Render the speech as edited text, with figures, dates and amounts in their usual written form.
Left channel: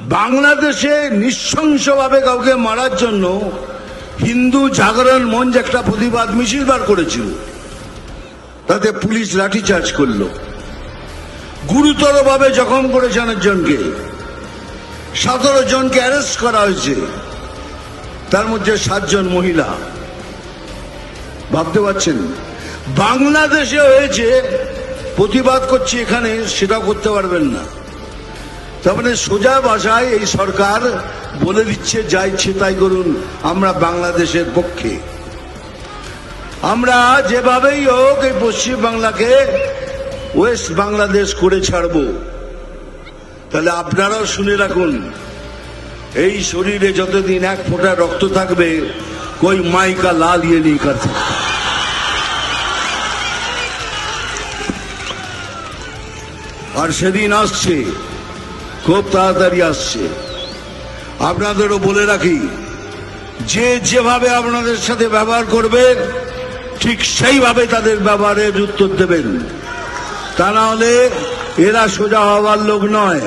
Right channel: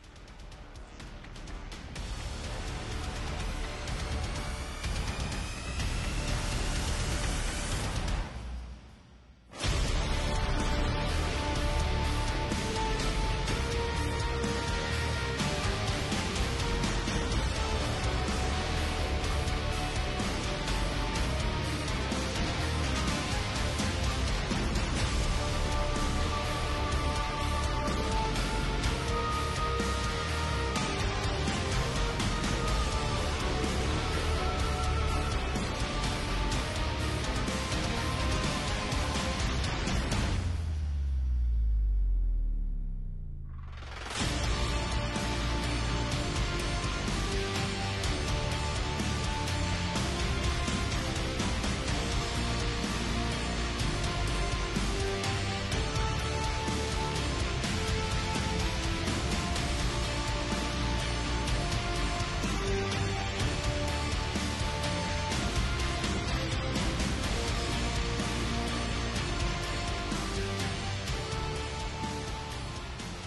বাংলাদেশে নৃশংসভাবে কাউকে মারার জন্য হিন্দু জাগরণ মঞ্চ একটা প্রতিবাদ মিছিল বার করেছিল, তাতে পুলিশ লাঠিচার্জ করলো, গুরুতরভাবে জখম করেছে অনেকজনকে, 17 জনকে অ্যারেস্ট করা হয়েছে, তার মধ্যে 7 জন মহিলা। ভাবতে পারছেন বাংলাদেশে হয়েছে, প্রতিবাদ করছে এখানে সেটা করতে পারবেন না। তার মানে সোজা ভাষায় এই সরকার বলে দিচ্ছে যা ইচ্ছে তাই করুন, আমরা বাংলাদেশের পক্ষে। আমরা যেভাবেই হোক এই পশ্চিম বাংলাকে ওয়েস্ট বাংলাদেশ করে ছাড়ব। তাহলে আপনারাও শুনে রাখুন, এই শরীরে যতদিন 1 ফোঁটা রক্ত থাকবে कोई माई का लाल ये नहीं कर सकता। আর সেদিন আসছে, খুব তাড়াতাড়ি আসছে। আপনাদেরও বলে রাখি, যে যেভাবে আপনাদের সাথে ব্যবহার করবে ঠিক সেইভাবে তাদের ব্যবহারের উত্তর দেবেন, তা না হলে এরা সোজা হওয়ার লোক নয়।